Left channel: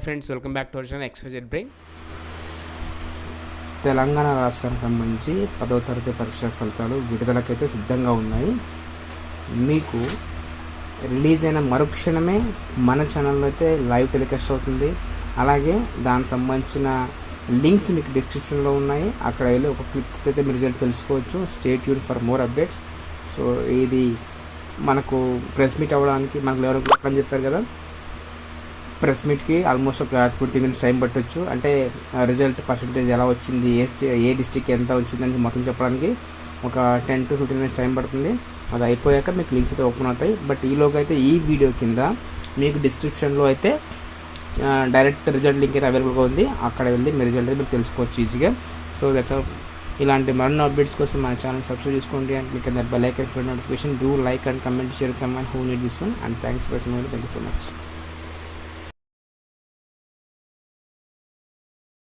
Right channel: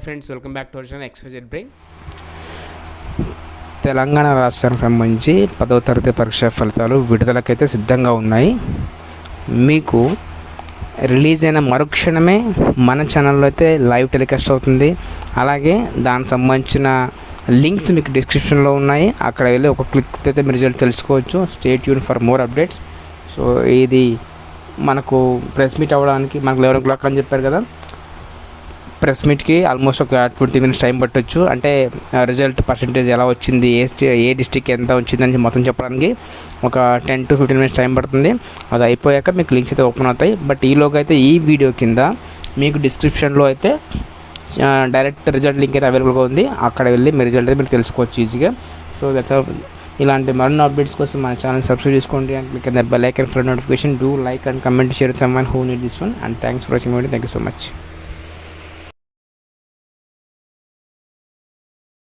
Hi friends, welcome back to our channel XYZ brain. Telangana రాష్ట్రానికి సంబంధించి 10వ తరగతి పరీక్షా ఫలితాలు విడుదలకైతే సిద్ధంగా ఉన్నాయి. మీకు రిలీజ్ అయిన మరుక్షణమే మన ఛానల్లో అయితే లైవ్ టెలికాస్ట్ అవుతుంది. అలాగే దానికి సంబంధించిన లింక్స్ మీకు డిస్క్రిప్షన్లో ఉన్నాయి. అక్కడ వెళ్ళి ఒక క్లిక్ అయితే మీరు రిజల్ట్ తెలుసుకోవచ్చు. Stay tune for more updates. So ఇది మనకు ప్రెస్ మీట్ అవ్వడానికి మనకు 11 o'clock అని చెప్పారు కదా. ప్రెస్ మీట్కి ఆల్మోస్ట్ ఒక 20 minutes టైం పట్టవచ్చు. అంటే రిజల్ట్ పర్సంటేజ్ ఎలా వచ్చింది, ఏ డిస్ట్రిక్ట్ ఎంత వచ్చిందని మొత్తం చెప్పడానికి ఒక 10 to 15 minutes టైం పడుతుంది. అది అయిపోయాక మీకు లింక్స్ అయితే ఓపెన్ అవుతాయి. బట్ ఈలోగా అయితే ఈ వీడియో కింద మీకు డిస్క్రిప్షన్లో అయితే డైరెక్ట్ రిజల్ట్ లింక్ అయితే అవైలబుల్గా ఉంది. అక్కడ వెళ్ళి మీ రిజల్ట్ అయితే మీరు తెలుసుకోవచ్చు ఈజీగా. సో దట్స్ ఇలాంటి మరిన్ని అప్డేట్స్ కోసం మన ఛానల్ సబ్స్క్రైబ్ చేసుకోండి. And click the bell icon for notification. Do like and comment, share some one who need this one. And thanks for watching video. Thank you so much.